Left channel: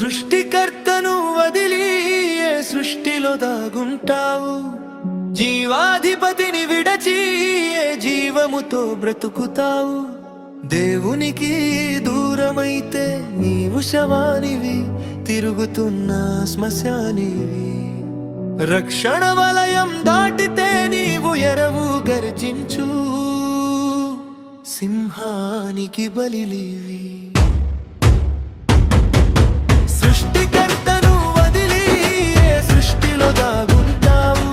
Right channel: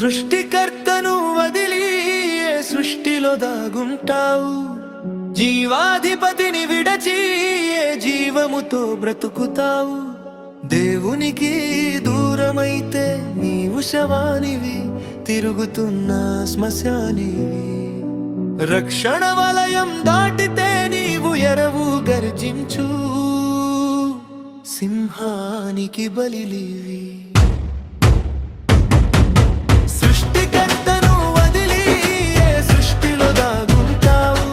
సృష్టికర్తను వదిలి ఏ సృష్టిలో దాగుంటావు? జీవాధిపతిని విడచి ఏ జీవముతో బ్రతుకుతావు? దేవునికి దూరమైతే నీవు శవానివి, తిరుగుతున్న శ్మశానివి. రక్షణ వలయం దాటితే నీవు ఎరవు గర్జించు సింహానికి బలిలివి. సృష్టికర్తను వదిలి ఏ సృష్టిలో దాగుంటావు?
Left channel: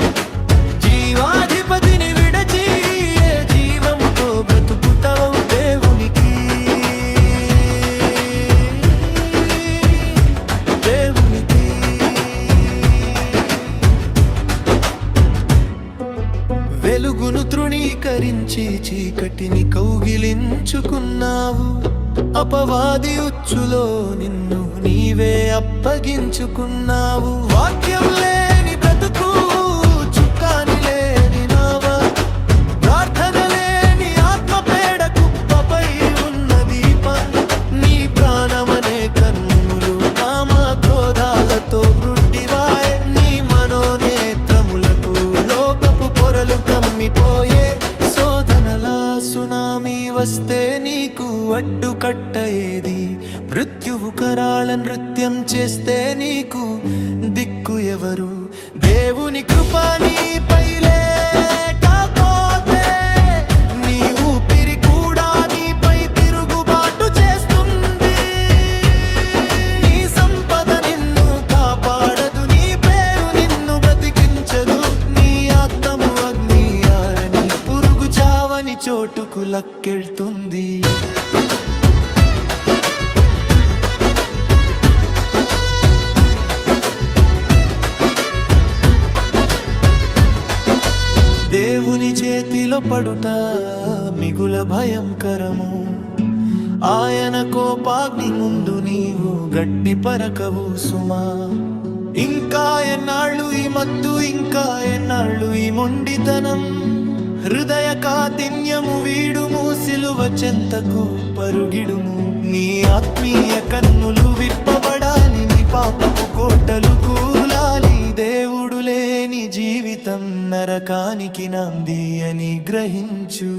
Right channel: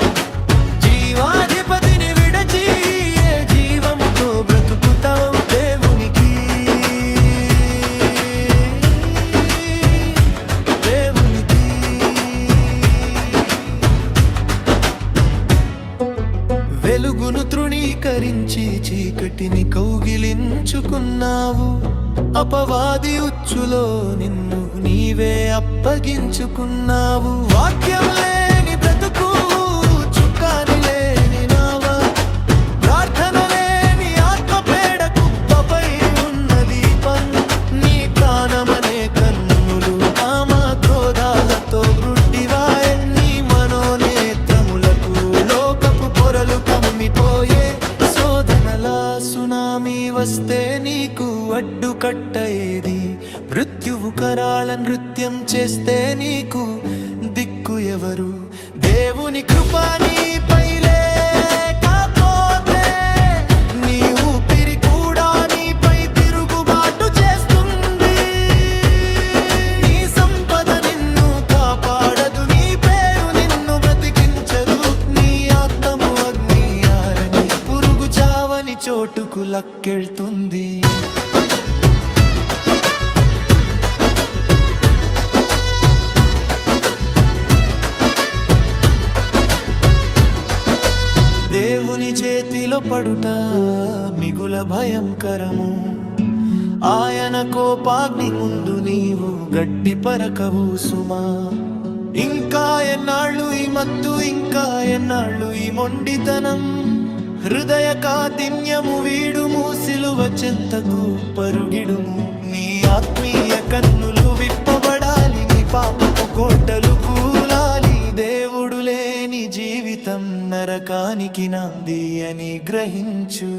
జీవాధిపతిని విడచి ఏ జీవముతో బ్రతుకుతావు? దేవునికి వెలుగును తృణీకరించి చీకటిని కౌగిలించుకున్నావు. అపవాది ఉచ్చులో నిన్ను నీవే అప్పగించుకున్నావు. వాక్యం లేని బ్రతుకు, చుక్కాని లేని నావ, ప్రార్థన లేని ఆత్మ పేడ కుప్పపై ఉన్న దీపం. నీ ప్రాణమనే కన్నులు కామ క్రోధాలతో గ్రుడ్డివాయే. నీ మనోనేత్రములకు లోకపు పొరలు కమ్మిపోయే. శోధనలా సునామీ వస్తే నీకు అడ్డుకట్ట ఏది? మృత్యువు కరాళ నృత్యం చేస్తే నీకు దిక్కు ఎవరు? దేవుని కృప నీపై లేకపోతే నీ ఊపిరి కూడా నీపై తిరుగుబాటు చేస్తుంది. నీ సంపద నిన్ను కాపాడదు, నీ పేరు నిన్ను బ్రతికించదు. నీ ఆత్మము అగ్ని ఆరని పురుగు చావని చోటుకు లక్కెళ్తుంది. దేవుని చేతిలో పడుట మిగుల భయంకరము. ఆయన కోపాగ్ని ముందు నీవు గడ్డి పరకవు సుమా. ఇంకా ఎన్నాళ్ళు ఈ మత్తు, ఇంకా ఎన్నాళ్ళు ఈ మొండితనం? హృదయ కాఠిన్యము వీడుము, సిలువ చెంతకు పరుగిడుము. నీ ఆత్మీయ కన్నులు విప్పబడాలి, నీ పాపపు కోటలు కూలాలి. దేవుడు లేని జీవితం నరకానికి నాంది అని గ్రహించు.